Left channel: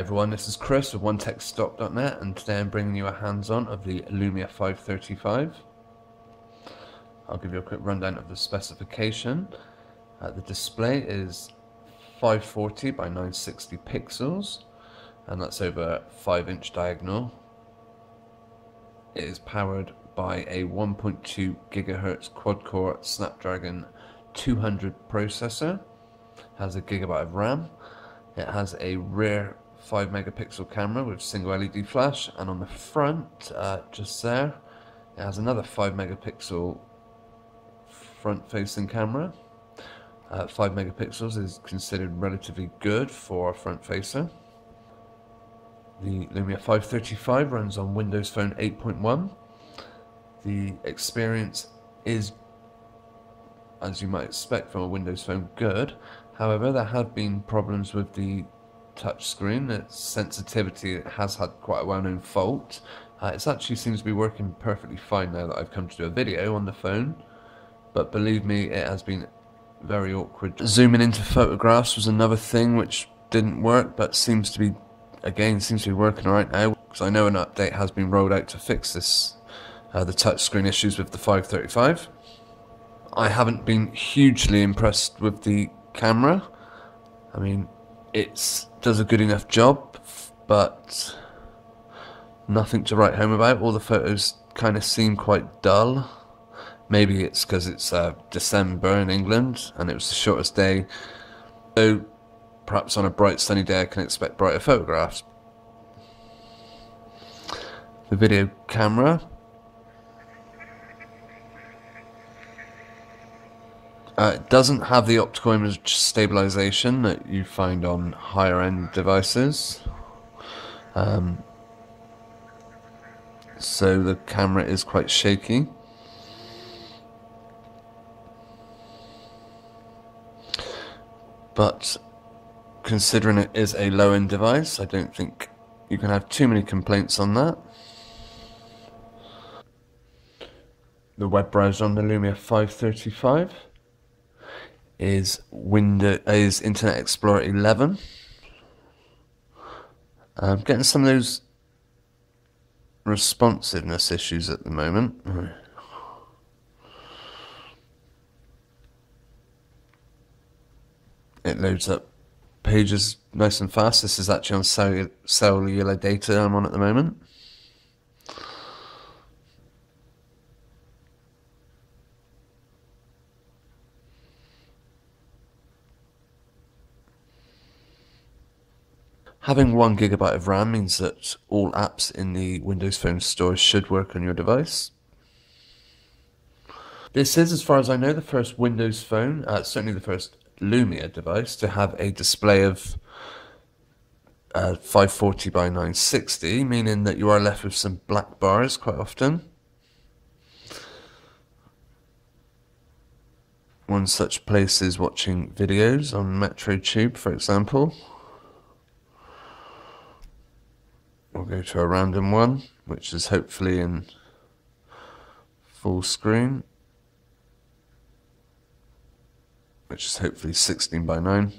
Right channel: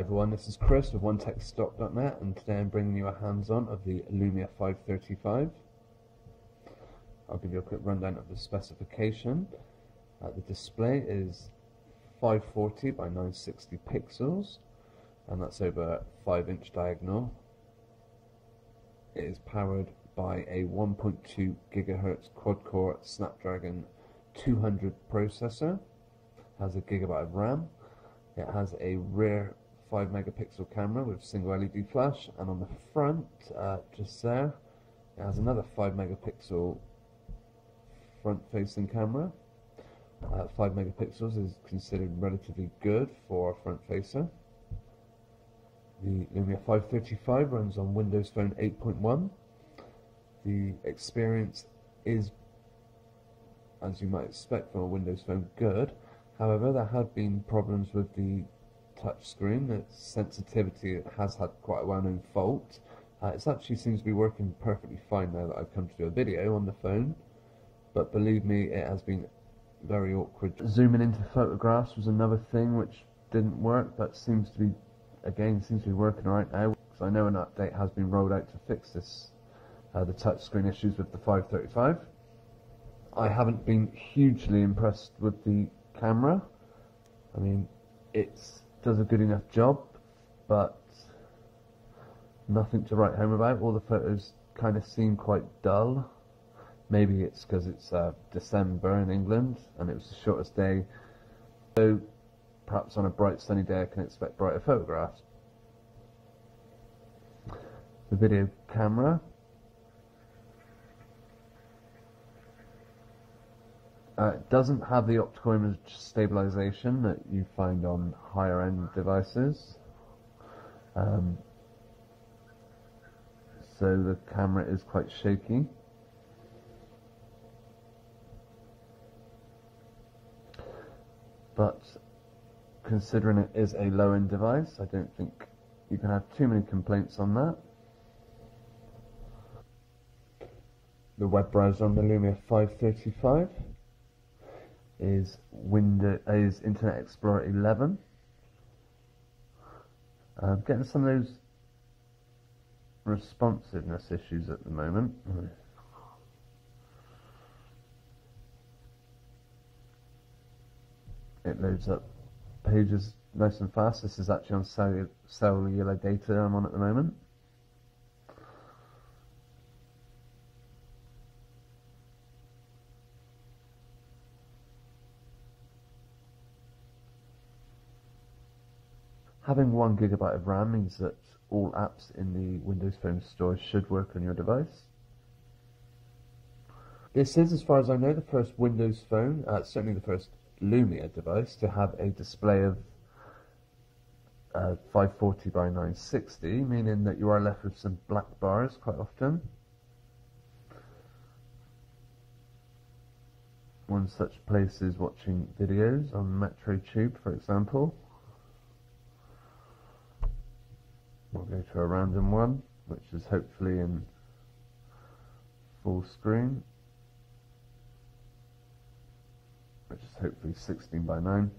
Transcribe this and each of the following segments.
Hi everyone, this is Chris with OneTechStock.net, and today I'm bringing you a hands-on of the Lumia 535. I'll give you a quick rundown of the specification. The display is 540 by 960 pixels, and that's over 5-inch diagonal. It is powered by a 1.2 gigahertz quad-core Snapdragon 200 processor, has a gigabyte of RAM. It has a rear 5 megapixel camera with single LED flash, and on the front, just there, it has another 5 megapixel front facing camera. 5 megapixels is considered relatively good for a front facer. The Lumia 535 runs on Windows Phone 8.1. The experience is, as you might expect from a Windows Phone, good. However, there have been problems with the touch screen. Its sensitivity has had quite a well-known fault. It actually seems to be working perfectly fine now that I've come to do a video on the phone, but believe me, it has been very awkward. Zooming into photographs was another thing which didn't work, but seems to be working right now, because I know an update has been rolled out to fix this, the touchscreen issues with the 535. I haven't been hugely impressed with the camera. I mean, it does a good enough job, but nothing to write home about. All the photos kind of seem quite dull. Maybe it's because it's December in England and it was the shortest day, so perhaps on a bright sunny day I can expect brighter photographs. The video camera, it doesn't have the optical image stabilization that you find on higher end devices, so the camera is quite shaky. But considering it is a low-end device, I don't think you can have too many complaints on that. The web browser on the Lumia 535 is Internet Explorer 11. I'm getting some of those responsiveness issues at the moment. It loads up pages nice and fast. This is actually on cellular data I'm on at the moment. Having 1 gigabyte of RAM means that all apps in the Windows Phone store should work on your device. This is, as far as I know, the first Windows Phone, certainly the first Lumia device, to have a display of 540 by 960, meaning that you are left with some black bars quite often. One such place is watching videos on Metro Tube, for example. We'll go to a random one, which is hopefully in full screen, which is hopefully 16 by 9.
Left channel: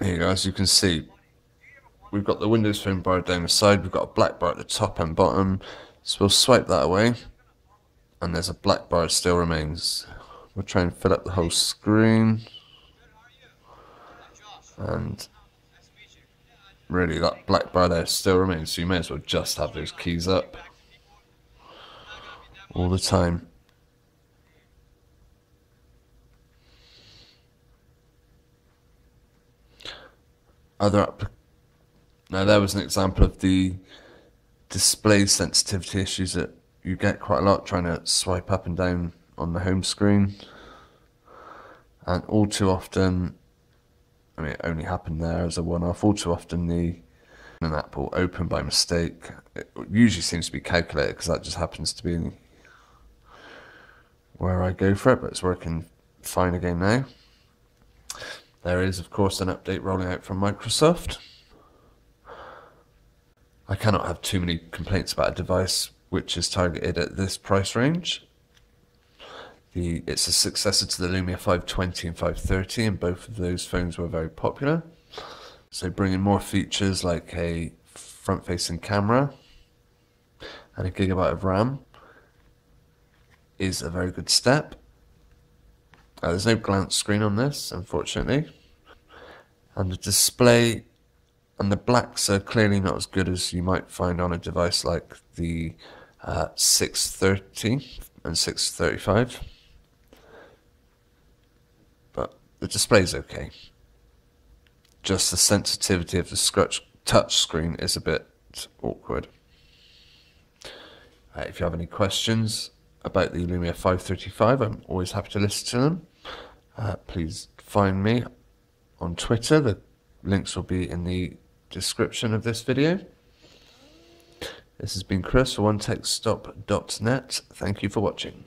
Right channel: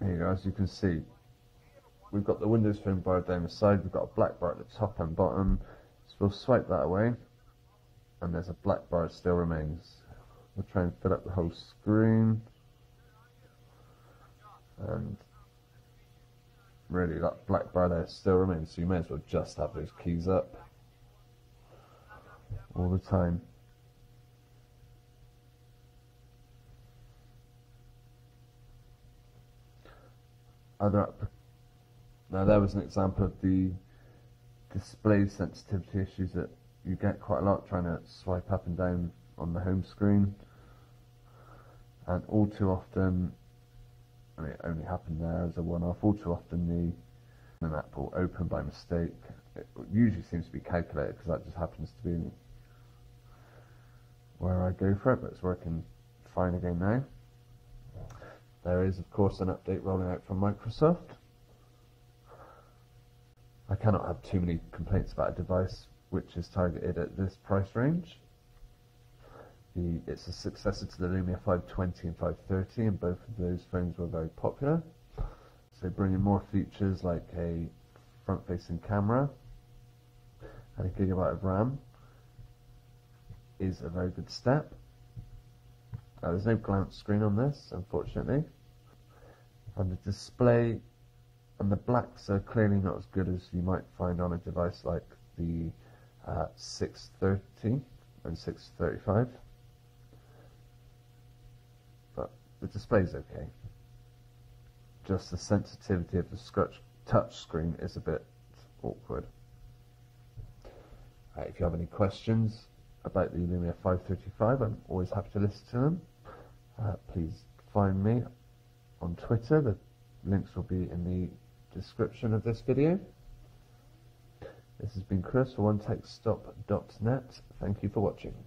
Here you go, as you can see, we've got the Windows Phone bar down the side, we've got a black bar at the top and bottom, so we'll swipe that away, and there's a black bar that still remains. We'll try and fill up the whole screen, and really that black bar there still remains, so you may as well just have those keys up all the time. Now there was an example of the display sensitivity issues that you get quite a lot trying to swipe up and down on the home screen, and all too often, I mean, it only happened there as a one-off, all too often an app will open by mistake. It usually seems to be calculated because that just happens to be where I go for it, but it's working fine again now. There is, of course, an update rolling out from Microsoft. I cannot have too many complaints about a device which is targeted at this price range. It's a successor to the Lumia 520 and 530, and both of those phones were very popular. So bringing more features like a front-facing camera and a gigabyte of RAM is a very good step. There's no glance screen on this, unfortunately. And the display and the blacks are clearly not as good as you might find on a device like the 630 and 635. But the display's okay. Just the sensitivity of the touch screen is a bit awkward. If you have any questions about the Lumia 535, I'm always happy to listen to them. Please find me on Twitter. The links will be in the description of this video. This has been Chris for OneTechStop.net. Thank you for watching.